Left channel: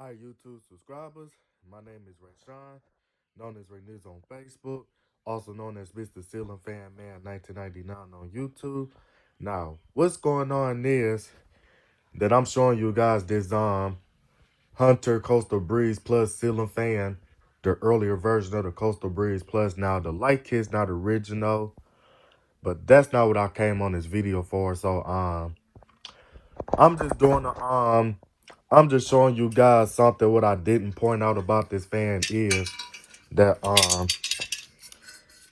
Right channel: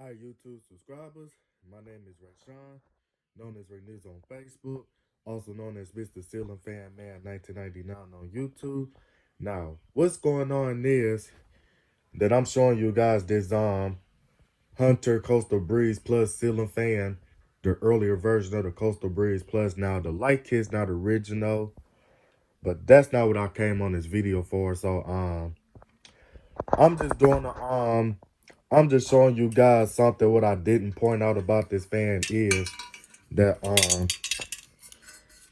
Hi, YouTube subscribers. My name is Rayshawn, known as Ray News on Facebook, also known as Mr. Ceiling Fan Man 1999 on YouTube. Now, what's going on is that I'm showing you guys this Hunter Coastal Breeze Plus Ceiling Fan, the earlier version of the Coastal Breeze Plus. Now, the light kit's not original, but that's not what I came on this video for. So, I'm just doing I'm just showing you guys something. What I didn't point out about this fan is that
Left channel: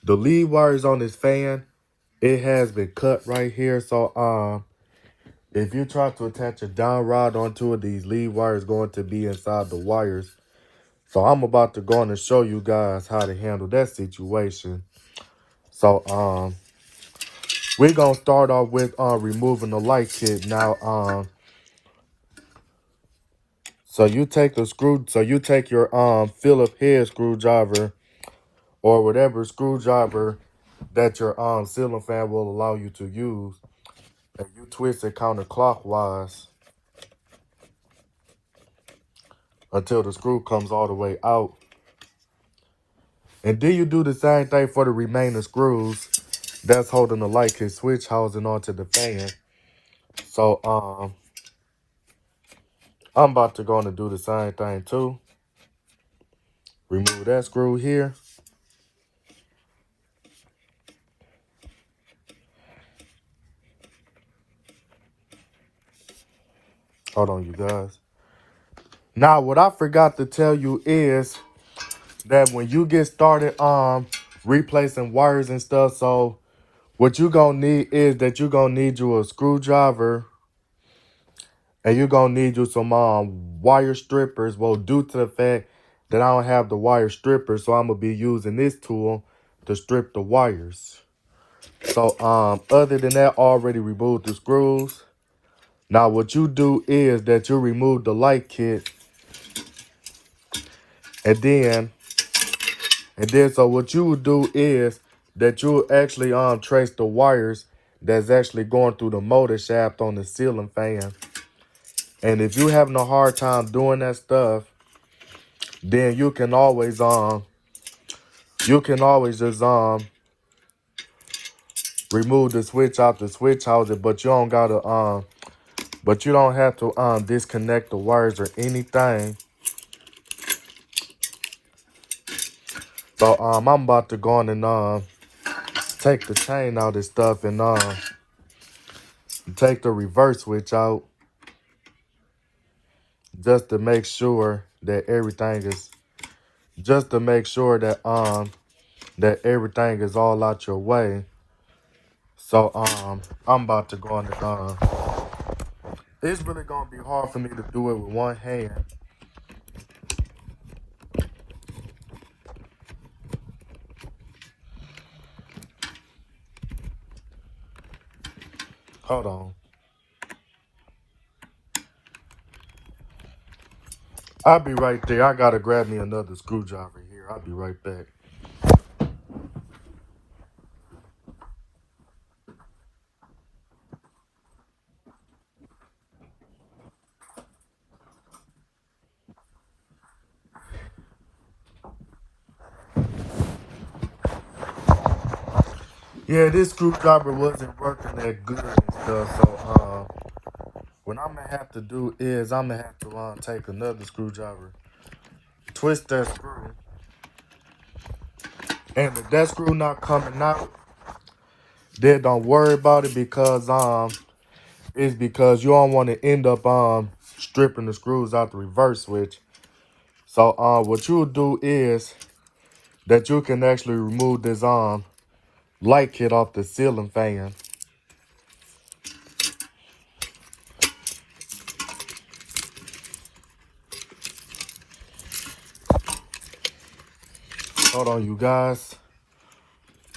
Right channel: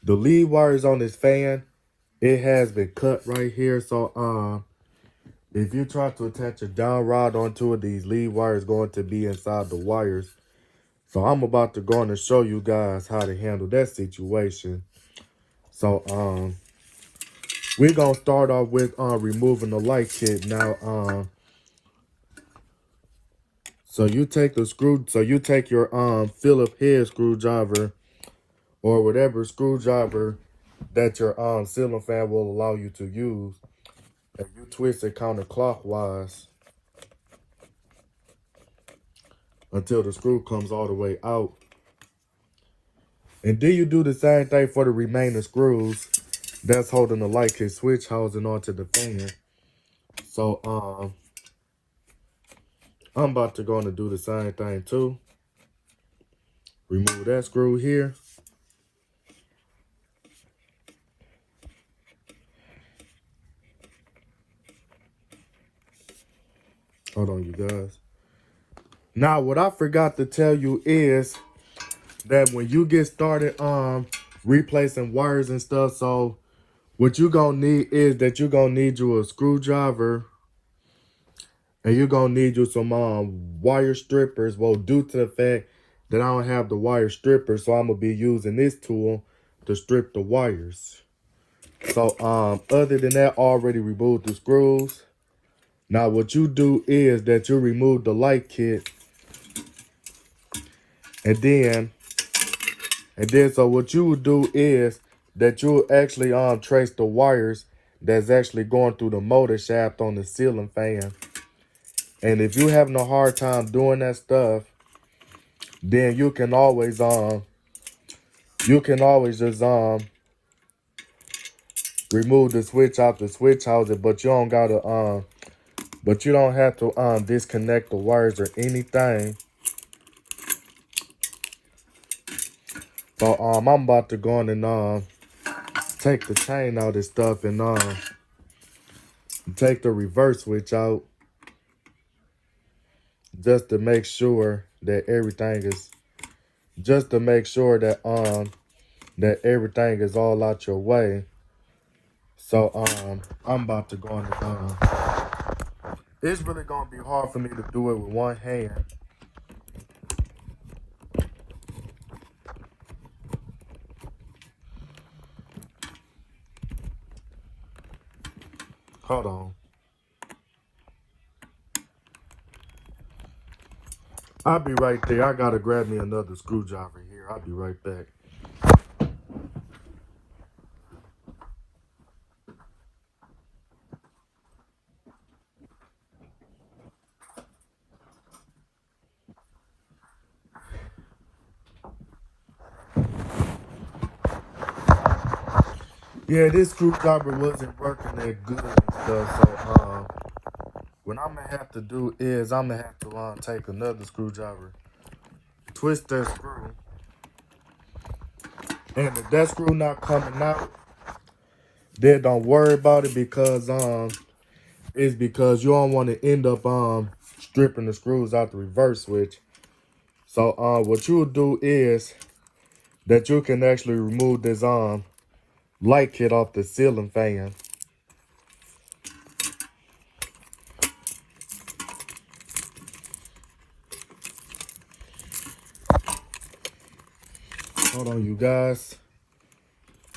the lead wires on this fan, it has been cut right here. So if you try to attach a down rod onto it, these lead wires going to be inside the wires. So I'm about to go on and show you guys how to handle that situation. So we're gonna start off with removing the light kit. Now so you take your Phillips head screwdriver or whatever screwdriver that your ceiling fan will allow you to use, and you twist it counterclockwise until the screw comes all the way out. And then you do the same thing for the remaining screws that's holding the light kit switch housing onto the fan. So I'm about to go on and do the same thing too. Remove that screw here. Hold on, you guys. Now, what I forgot to tell you is that when you get started replacing wires and stuff, so what you gonna need is that you're gonna need you a screwdriver, and you're gonna need you some wire strippers. Well, due to the fact that I don't have the wire strippers, so I'm gonna be using this tool to strip the wires. So other than that, I already removed the screws. Now what you do is that you remove the light kit, and then so what you would do is that you'll actually trace the wires that's actually going through the motor shaft on the ceiling fan. And if you're having a hard time doing that stuff, then you can always just remove the switch out the switch housing, but you don't have to disconnect the wires or anything. So I'm about to go on and take the chain out of this stuff and take the reverse switch out, just to make sure that everything is that everything is all out your way. So I'm about to go on and it's really gonna be hard for me to do it with one hand. Hold on. I'll be right there. I gotta grab me another screwdriver here. I'll be right back. Yeah, this screwdriver wasn't working that good and stuff. So what I'm gonna have to do is I'm gonna have to take another screwdriver, twist that screw, and if that screw not coming out, then don't worry about it, because it's because you don't want to end up stripping the screws out the reverse switch. So what you'll do is that you can actually remove this light kit off the ceiling fan. Hold on, you guys,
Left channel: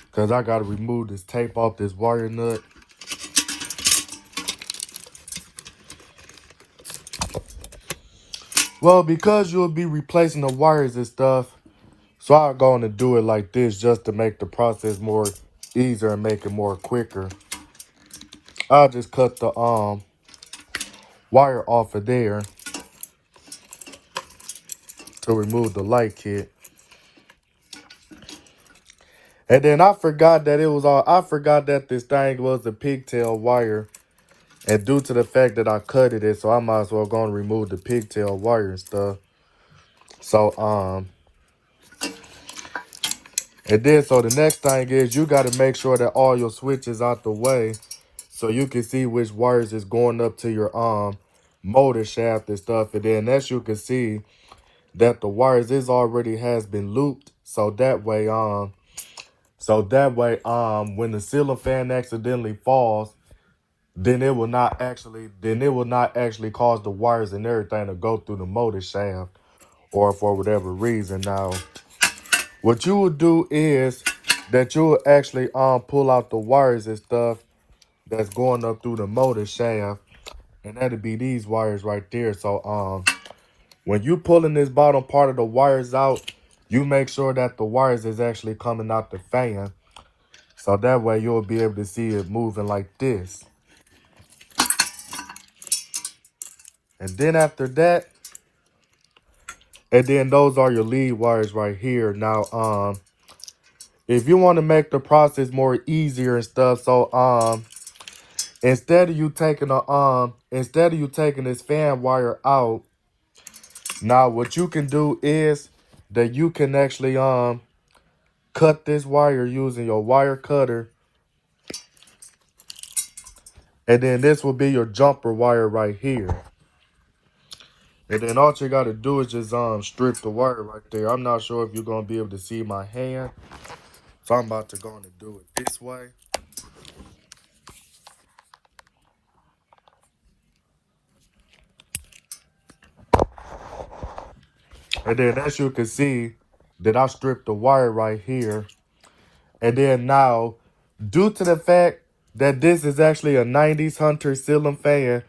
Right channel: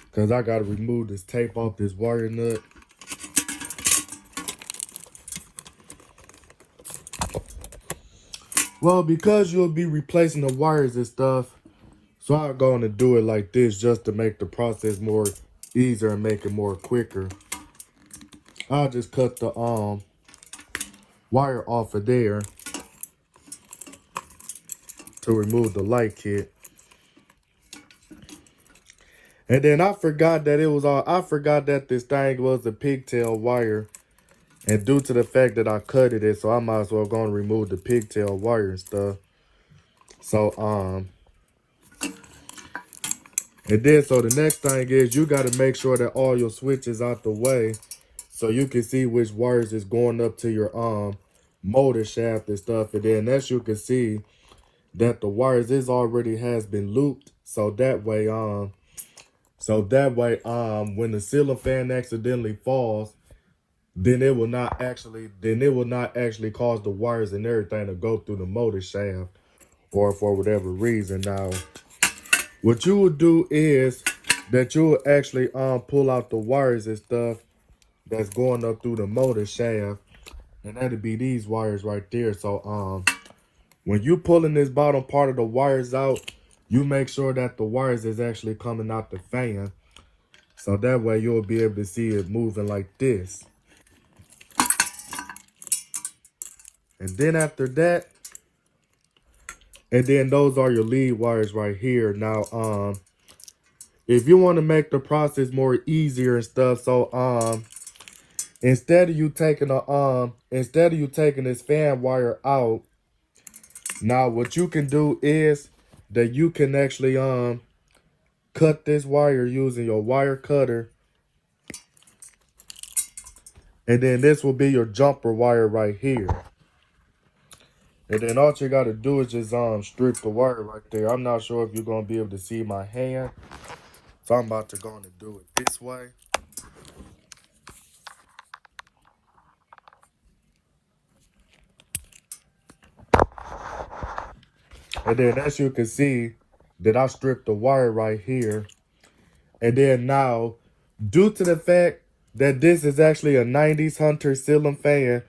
because I gotta remove this tape off this wire nut. Well, because you'll be replacing the wires and stuff, so I'm going to do it like this just to make the process more easier and make it more quicker. I'll just cut the wire off of there. to remove the light kit. And then I forgot that this thing was a pigtail wire. And due to the fact that I cut it, so I might as well go and remove the pigtail wire and stuff. So, and then, so the next thing is you got to make sure that all your switches out the way so you can see which wires is going up to your motor shaft and stuff. And then as you can see that the wires already has been looped. So that way, when the ceiling fan accidentally falls, then it will not actually cause the wires and everything to go through the motor shaft or for whatever reason. Now, what you will do is that you will actually pull out the wires and stuff that's going up through the motor shaft, and that'll be these wires right there. So when you pulling this bottom part of the wires out, you make sure that the wires is actually coming out the fan. So that way you'll be able to see it moving like this. And then after that, and then those are your lead wires right here. Now, if you want to make the process more easier and stuff, so instead of you taking this fan wire out, now what you can do is that you can actually cut this wire using your wire cutter. And then this will be your jumper wire right here. And then all you got to do is just strip the wire right there. I'm not sure if you're going to be able to see my hand. So I'm about to go and do it this way. And then as you can see that I stripped the wire right here. And then now, due to the fact that this is actually a 90s Hunter ceiling fan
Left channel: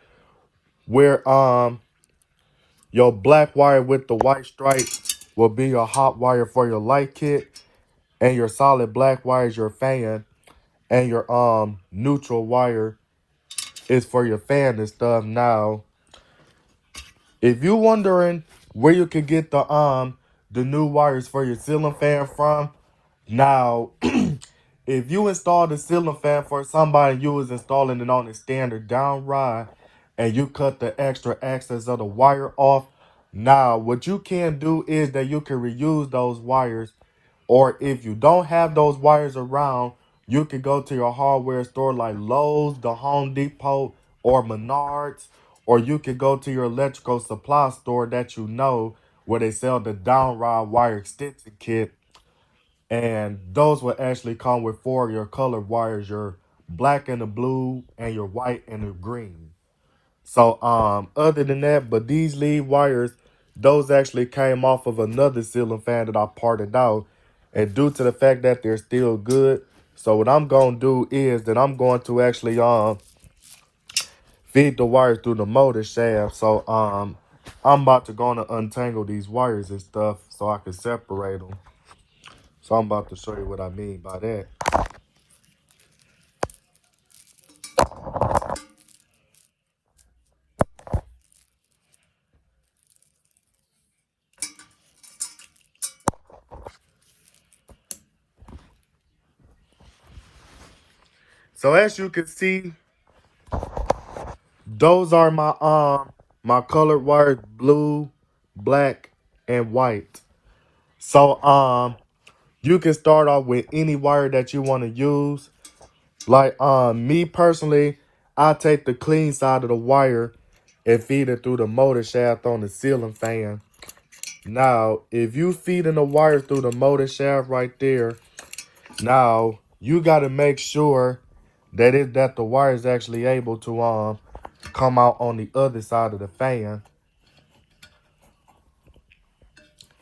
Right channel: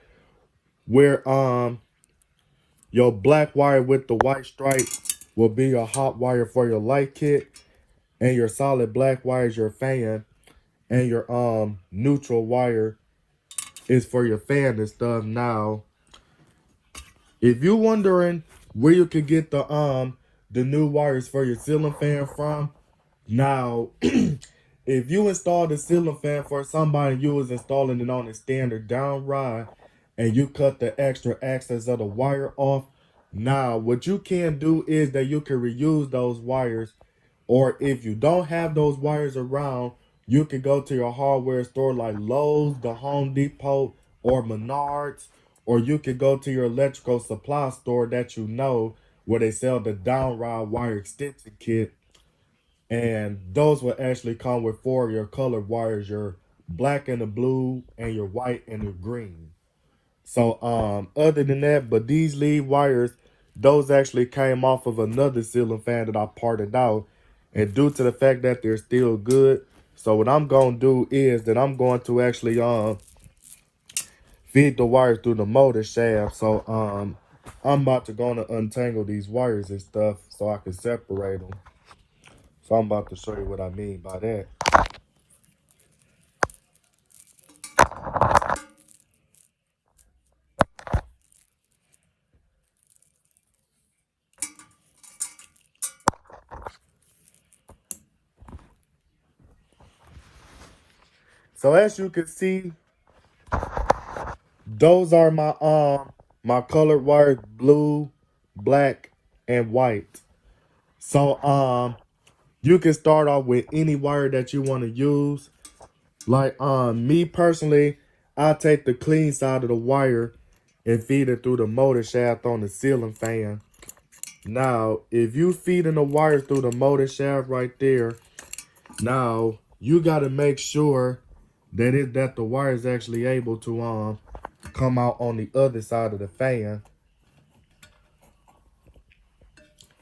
where your black wire with the white stripe will be your hot wire for your light kit, and your solid black wire is your fan, and your neutral wire is for your fan and stuff. Now, if you're wondering where you could get the new wires for your ceiling fan from, now if you install the ceiling fan for somebody, you was installing it on a standard down rod, and you cut the extra access of the wire off. Now, what you can do is that you can reuse those wires, or if you don't have those wires around, you can go to your hardware store like Lowe's, the Home Depot, or Menards, or you can go to your electrical supply store that you know where they sell the down rod wire extension kit. And those will actually come with 4 of your colored wires, your black and the blue, and your white and the green. So other than that, but these lead wires, those actually came off of another ceiling fan that I parted out. And due to the fact that they're still good, so what I'm going to do is that I'm going to actually feed the wires through the motor shaft. So I'm about to go and untangle these wires and stuff so I can separate them. So I'm about to show you what I mean by that. So as you can see, those are my colored wires, blue, black, and white. So you can start off with any wire that you want to use. Like me personally, I take the clean side of the wire and feed it through the motor shaft on the ceiling fan. Now, if you feeding the wire through the motor shaft right there, now you got to make sure that the wire is actually able to come out on the other side of the fan.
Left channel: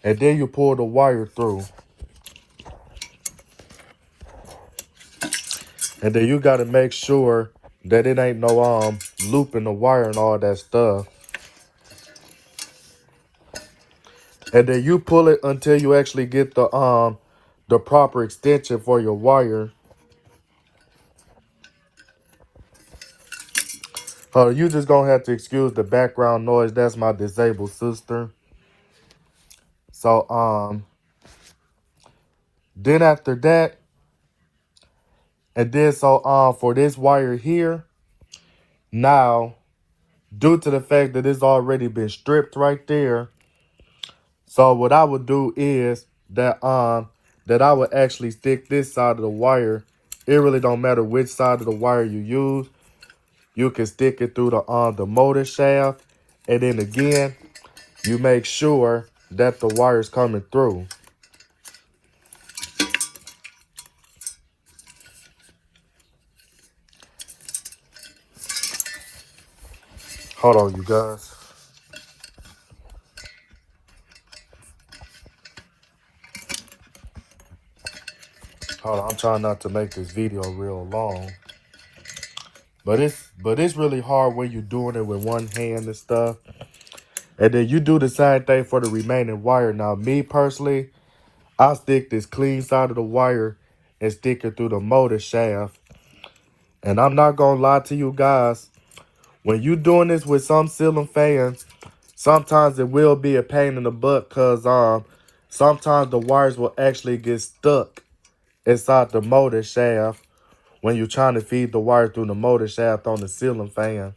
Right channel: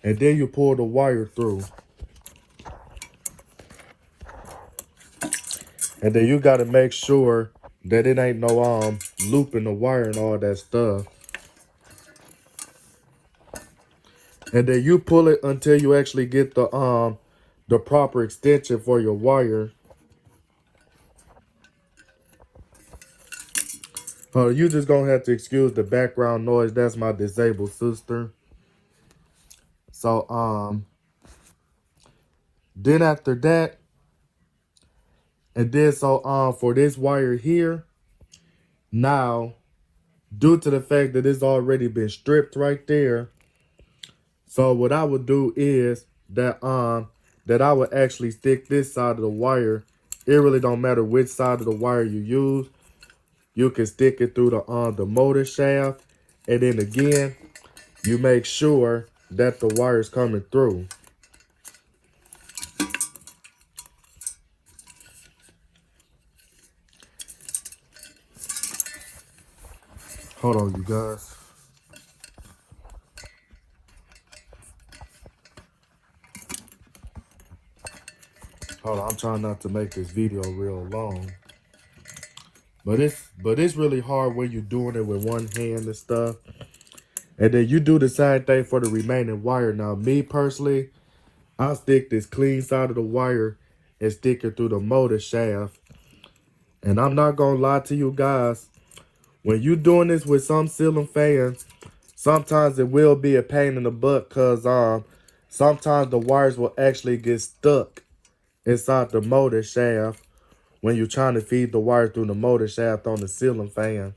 And then you pull the wire through. And then you got to make sure that it ain't no looping the wire and all that stuff. And then you pull it until you actually get the proper extension for your wire. You just gonna have to excuse the background noise. That's my disabled sister. So then after that, and then so for this wire here, now due to the fact that it's already been stripped right there, so what I would do is that I would actually stick this side of the wire. It really don't matter which side of the wire you use. You can stick it through the motor shaft, and then again, you make sure that the wire is coming through. Hold on, you guys. Hold on, I'm trying not to make this video real long. But it's really hard when you're doing it with one hand and stuff. And then you do the same thing for the remaining wire. Now, me personally, I stick this clean side of the wire and stick it through the motor shaft. And I'm not gonna lie to you guys, when you doing this with some ceiling fans, sometimes it will be a pain in the butt because sometimes the wires will actually get stuck inside the motor shaft when you're trying to feed the wire through the motor shaft on the ceiling fan.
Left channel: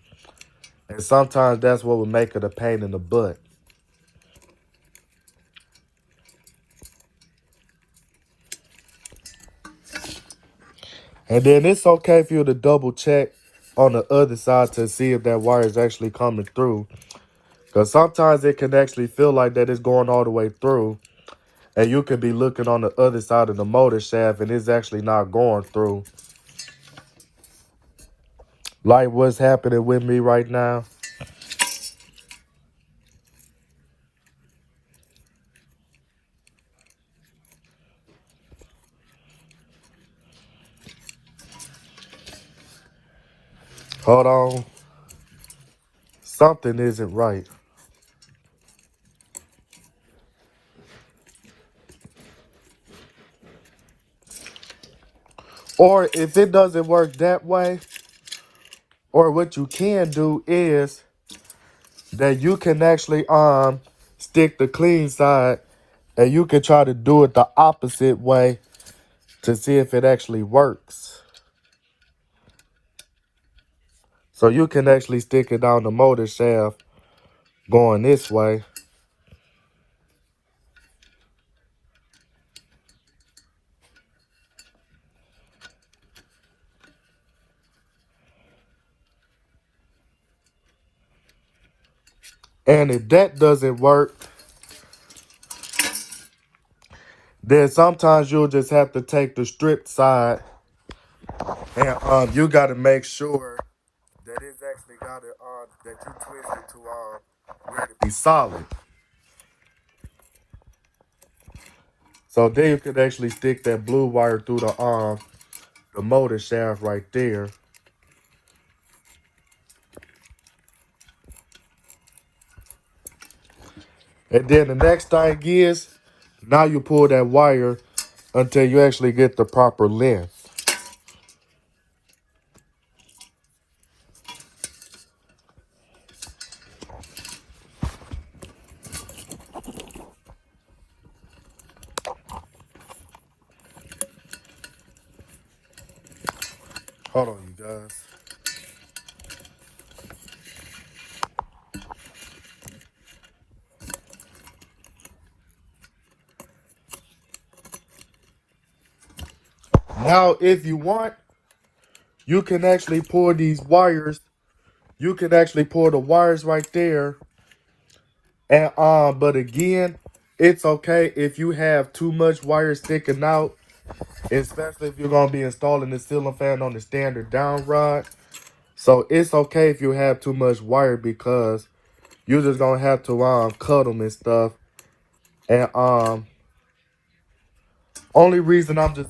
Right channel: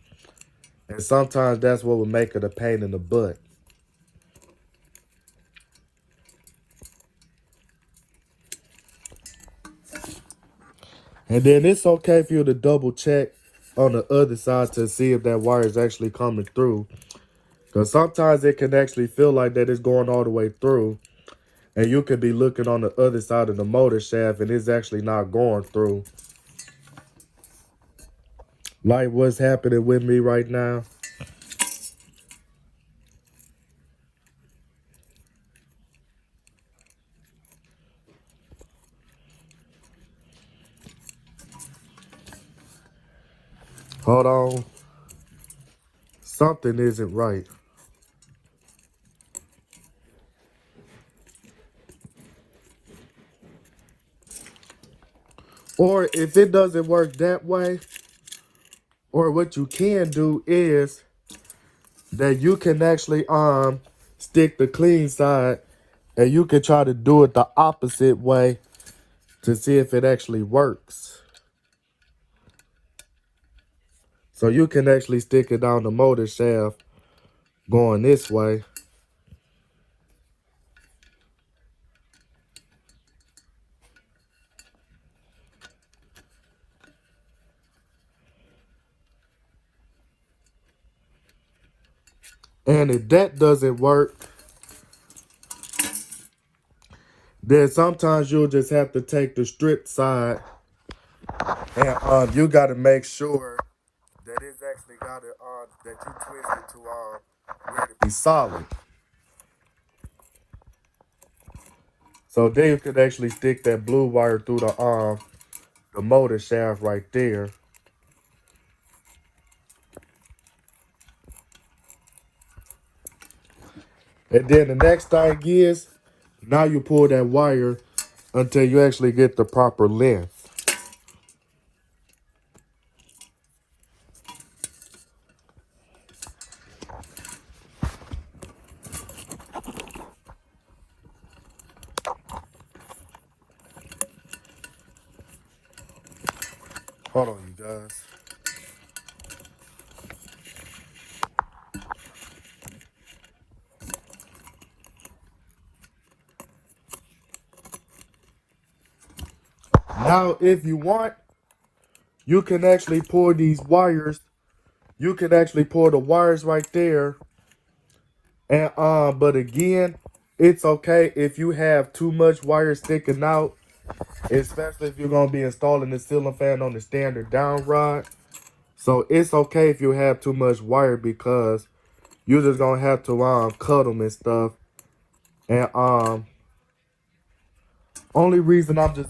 And sometimes that's what would make it a pain in the butt. And then it's okay for you to double check on the other side to see if that wire is actually coming through. Because sometimes it can actually feel like that it's going all the way through. And you could be looking on the other side of the motor shaft and it's actually not going through. Like what's happening with me right now. Hold on. Something isn't right. Or if it doesn't work that way, or what you can do is that you can actually stick the clean side and you can try to do it the opposite way to see if it actually works. So you can actually stick it down the motor shaft going this way. And if that doesn't work, then sometimes you'll just have to take the stripped side and you got to make sure that it's actually got it that you twist it to where it be solid. So then you can actually stick that blue wire through the motor shaft right there. And then the next thing is, now you pull that wire until you actually get the proper length. Hold on, you guys. Now, if you want, you can actually pull these wires. You can actually pull the wires right there. And but again, it's okay if you have too much wire sticking out, especially if you're gonna be installing the ceiling fan on the standard down rod. So it's okay if you have too much wire because you're just gonna have to cut them and stuff. And only reason I'm just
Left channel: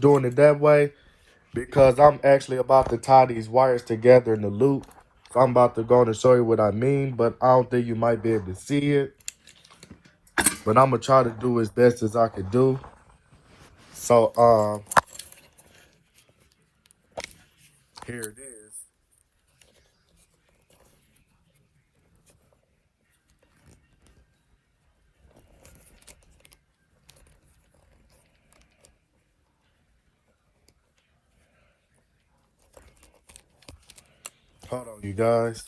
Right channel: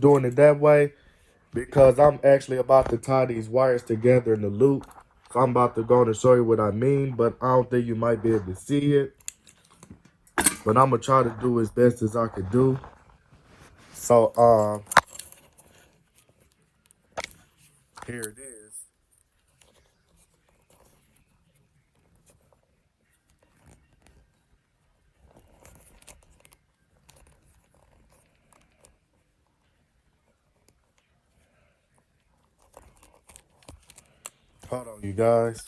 doing it that way because I'm actually about to tie these wires together in the loop. So I'm about to go and show you what I mean, but I don't think you might be able to see it. But I'm gonna try to do as best as I can do. So here it is. Hold on, you guys.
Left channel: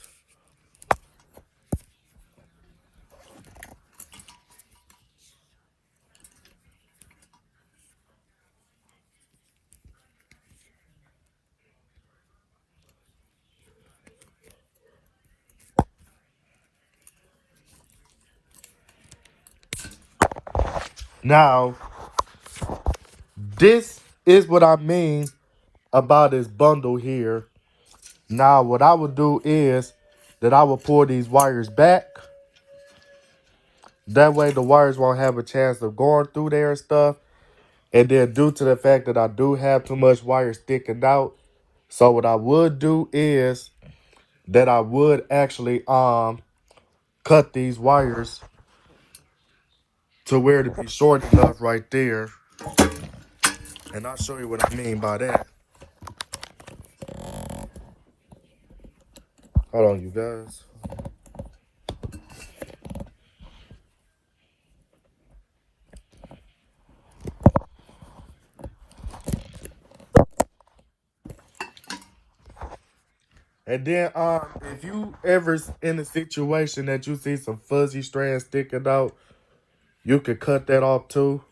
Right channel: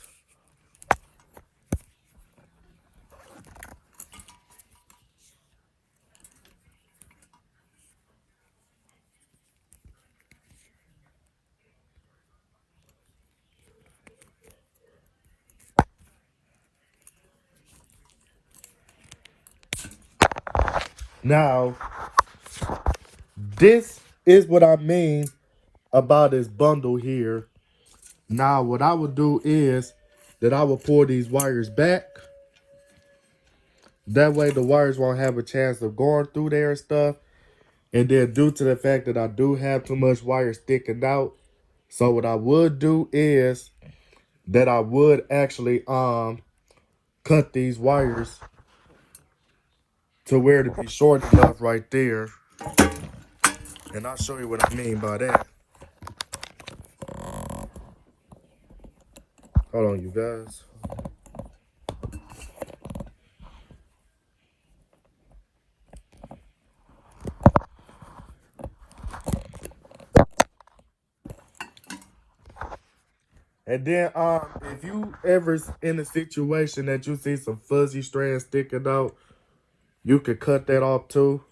Now, this is what I mean about this bundle here. Now, what I would do is that I will pull these wires back. That way the wires won't have a chance of going through there and stuff. And then due to the fact that I do have too much wire sticking out, so what I would do is that I would actually cut these wires to where to be short enough right there. And I'll show you what I mean by that. Hold on, you guys. And then if you ever in a situation that you see some fuzzy strands sticking out, you can cut that off too.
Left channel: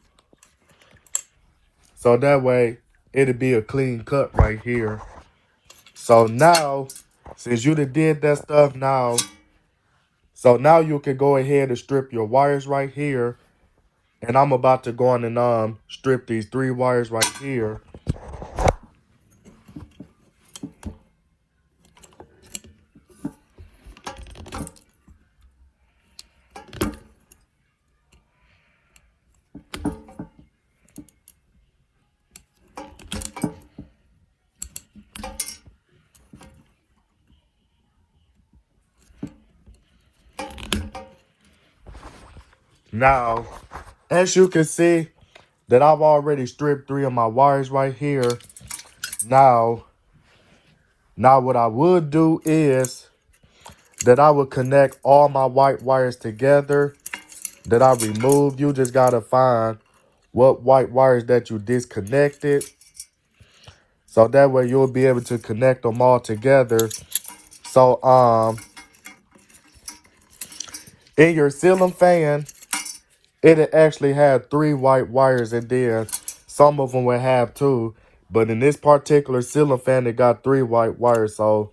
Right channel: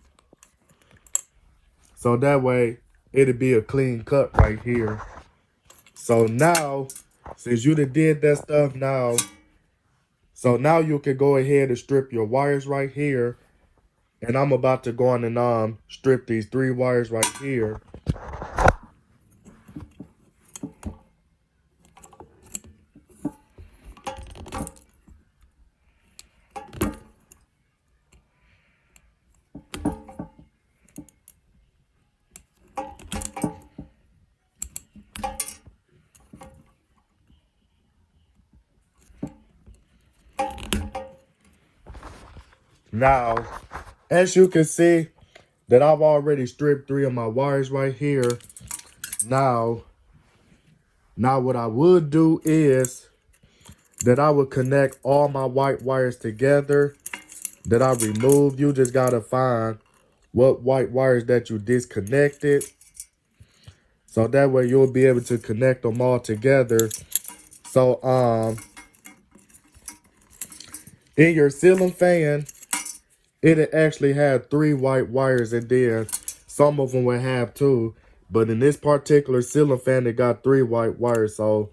So that way it'll be a clean cut right here. So now, since you did that stuff now, so now you can go ahead and strip your wires right here. And I'm about to go on and strip these 3 wires right here. Now, as you can see that I've already stripped 3 of my wires right here. Now what I would do is that I would connect all my white wires together that I removed. You just gotta find what white wires that you disconnected. So that way you'll be able to connect them all together. So in your ceiling fan, it actually had 3 white wires, and then some of them would have 2. But in this particular ceiling fan, it got 3 white wires. So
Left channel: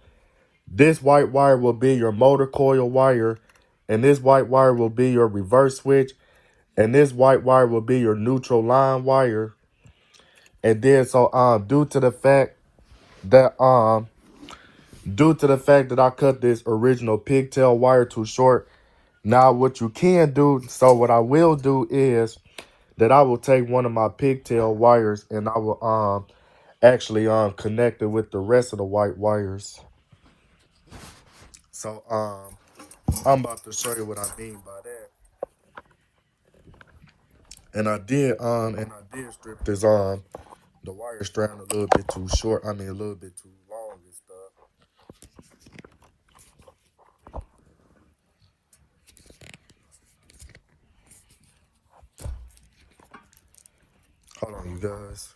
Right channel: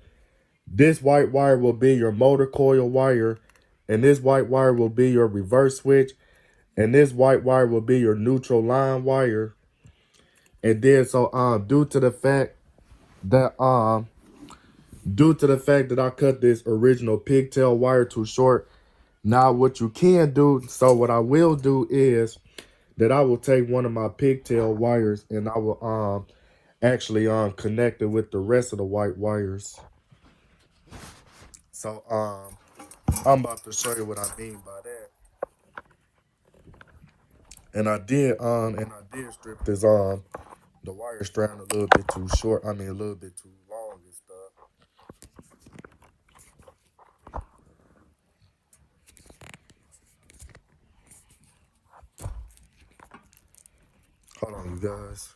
this white wire will be your motor coil wire, and this white wire will be your reverse switch, and this white wire will be your neutral line wire. And then so due to the fact that I cut this original pigtail wire too short, now what you can do, so what I will do is that I will take one of my pigtail wires and I will actually connect it with the rest of the white wires. So I'm about to show you what I mean by that. And I did strip this the wire strand a little bit too short. I mean a little bit too long and stuff. Hold on, you guys.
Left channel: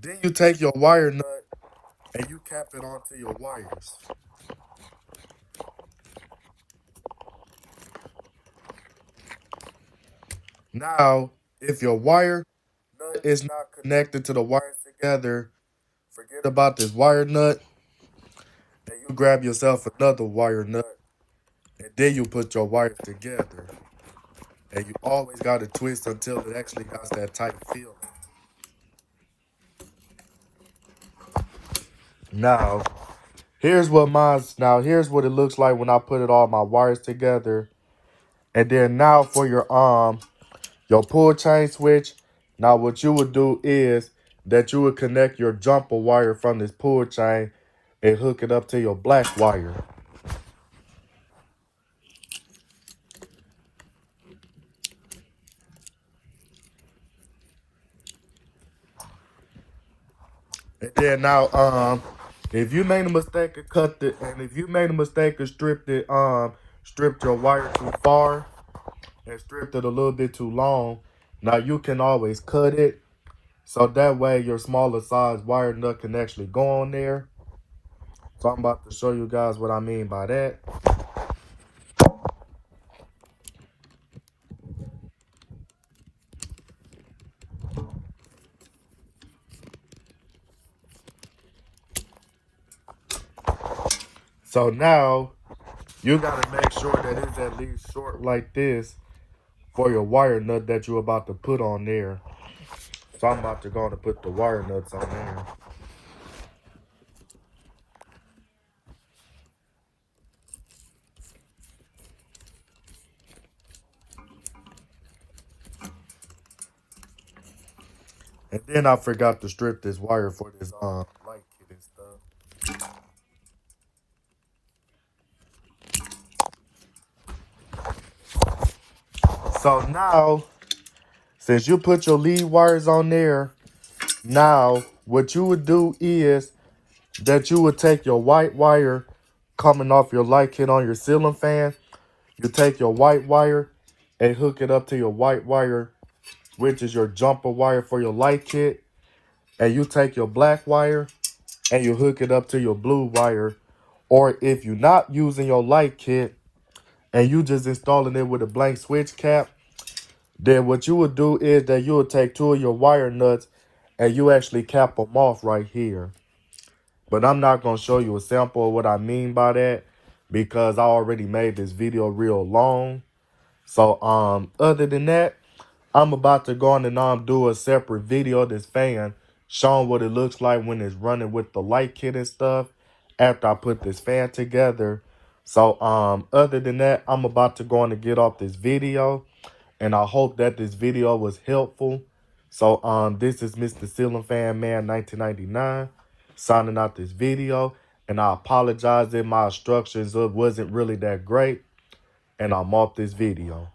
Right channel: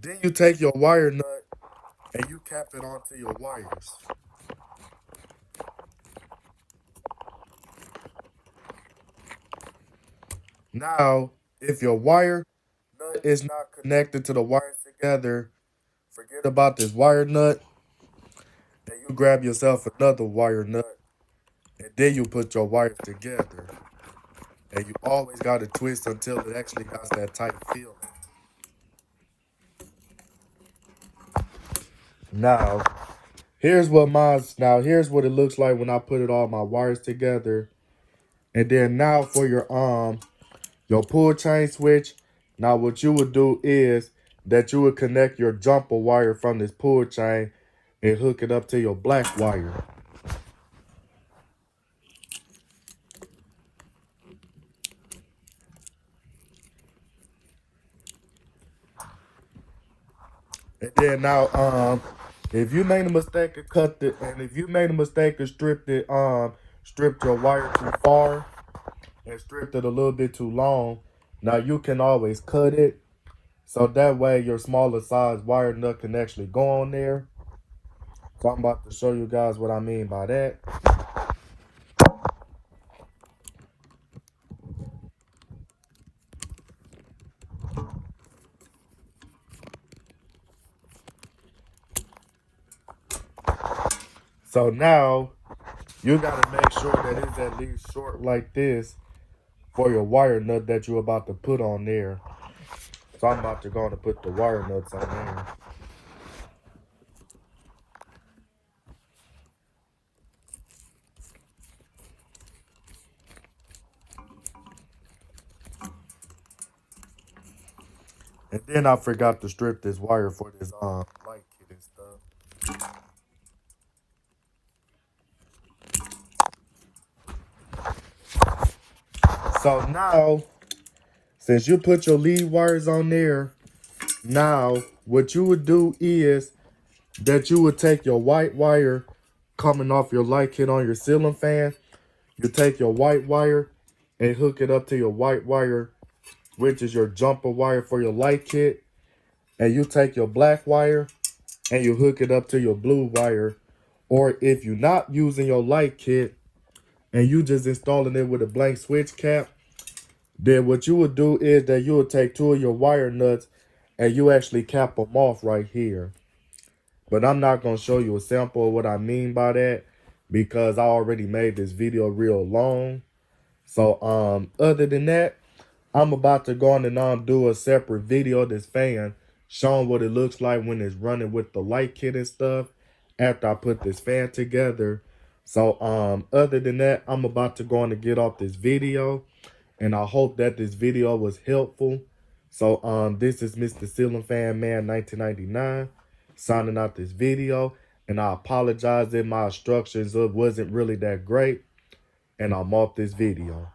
Then you take your wire nut and you cap it onto your wires. Now, if your wire nut is not connected to the wires together, forget about this wire nut and you grab yourself another wire nut and then you put your wires together. And you always got to twist until it actually has that tight feeling. Now, here's what it looks like when I put all my wires together. And then now for your pull chain switch, now what you would do is that you would connect your jumper wire from this pull chain and hook it up to your black wire. And then now, if you made a mistake and cut it, and if you made a mistake and stripped your wire too far and stripped it a little bit too long, now you can always cut it. So that way your smaller size wire nut can actually go on there. So I'm about to show you guys what I mean by that. So now you gotta make sure that it's at least short like this for your wire nut that you're about to put on there. So I'm about to go to put the wire nuts on there. And then I forgot to strip this wire for this light kit and stuff. So now, since you put your lead wires on there, now what you would do is that you would take your white wire coming off your light kit on your ceiling fan. You take your white wire and hook it up to your white wire, which is your jumper wire for your light kit. And you take your black wire and you hook it up to your blue wire. Or if you're not using your light kit and you just installing it with a blank switch cap, then what you would do is that you would take two of your wire nuts and you actually cap them off right here. But I'm not going to show you a sample of what I mean by that because I already made this video real long. So other than that, I'm about to go on and do a separate video of this fan showing what it looks like when it's running with the light kit and stuff after I put this fan together. So other than that, I'm about to go on and get off this video. And I hope that this video was helpful. So this is Mr. Ceiling Fan Man 1999 signing out this video. And I apologize if my instructions wasn't really that great. And I'm off this video.